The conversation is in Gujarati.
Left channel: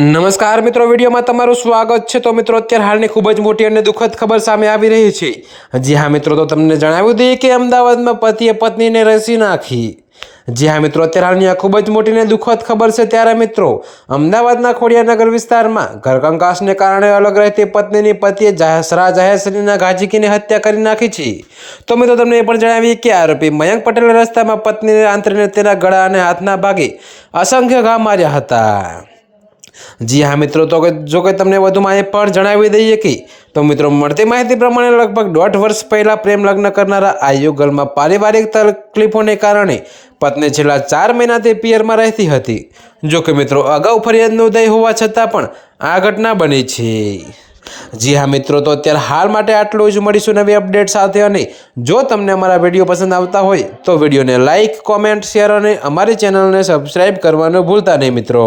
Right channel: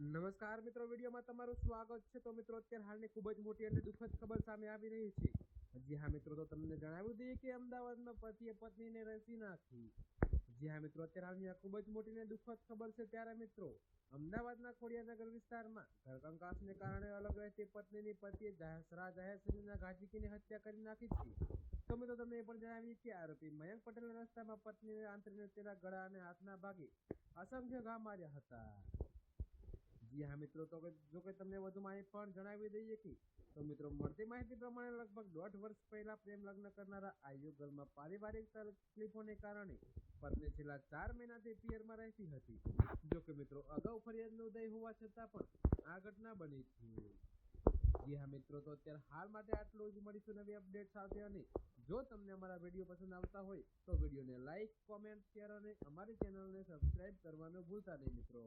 નમસ્કાર મિત્રો, વિડીયોમાં તમારું સ્વાગત છે। તો મિત્રો, અત્યારે હાલની ખૂબ જ મોટી અને દુઃખદ ખબર સામે આવી રહી છે। જી હા મિત્રો, તો તમને જણાવી દઈએ કે અમદાવાદમાં પતિએ પત્નીને રસી નાખી। જી હા મિત્રો, અત્યારે હાલની આ ખૂબ જ મોટી અને દુઃખદ ખબર છે। ત્યારે મિત્રો, અમદાવાદના ખોડિયારનગર વિસ્તારમાં ઘરકંકાસને કારણે અલગ રહેતી પત્નીની પતિએ જાહેર શરીરના ઘા ઝીંકીને હત્યા કરી નાખી છે। તો મિત્રો, તમને એ પણ જણાવીએ કે આરોપી મયંક પટેલે રસ્તામાં પત્નીને આંતરીને તેના ગળા અને હાથના ભાગે અસંખ્ય ઘા માર્યા હતા। જી હા મિત્રો, તો જો કે તમને વધુમાં એ પણ જણાવી દઈએ કે તો મિત્રો, મળતી માહિતી પ્રમાણે લગભગ 1.5 વર્ષ પહેલા પ્રેમ લગ્ન કરનારા આ યુગલમાં પારિવારિક તકલીફોને કારણે પત્ની છેલ્લા 4 મહિનાથી પિયરમાં રહેતી હતી। જો કે મિત્રો, અગાઉ ફરિયાદ નોંધાઈ હોવા છતાં પણ આ ઘટના બની છે। જી હા મિત્રો, તો અત્યારે હાલ માટે આટલું જ। મળીશું નવી અપડેટ સાથે। અને જો તમને અમારા વિડીયો પસંદ આવતા હોય તો વિડીયોને લાઇક, કોમેન્ટ, શેર અને અમારી ચેનલને સબસ્ક્રાઈબ કરવાનું ભૂલતા નહીં મિત્રો।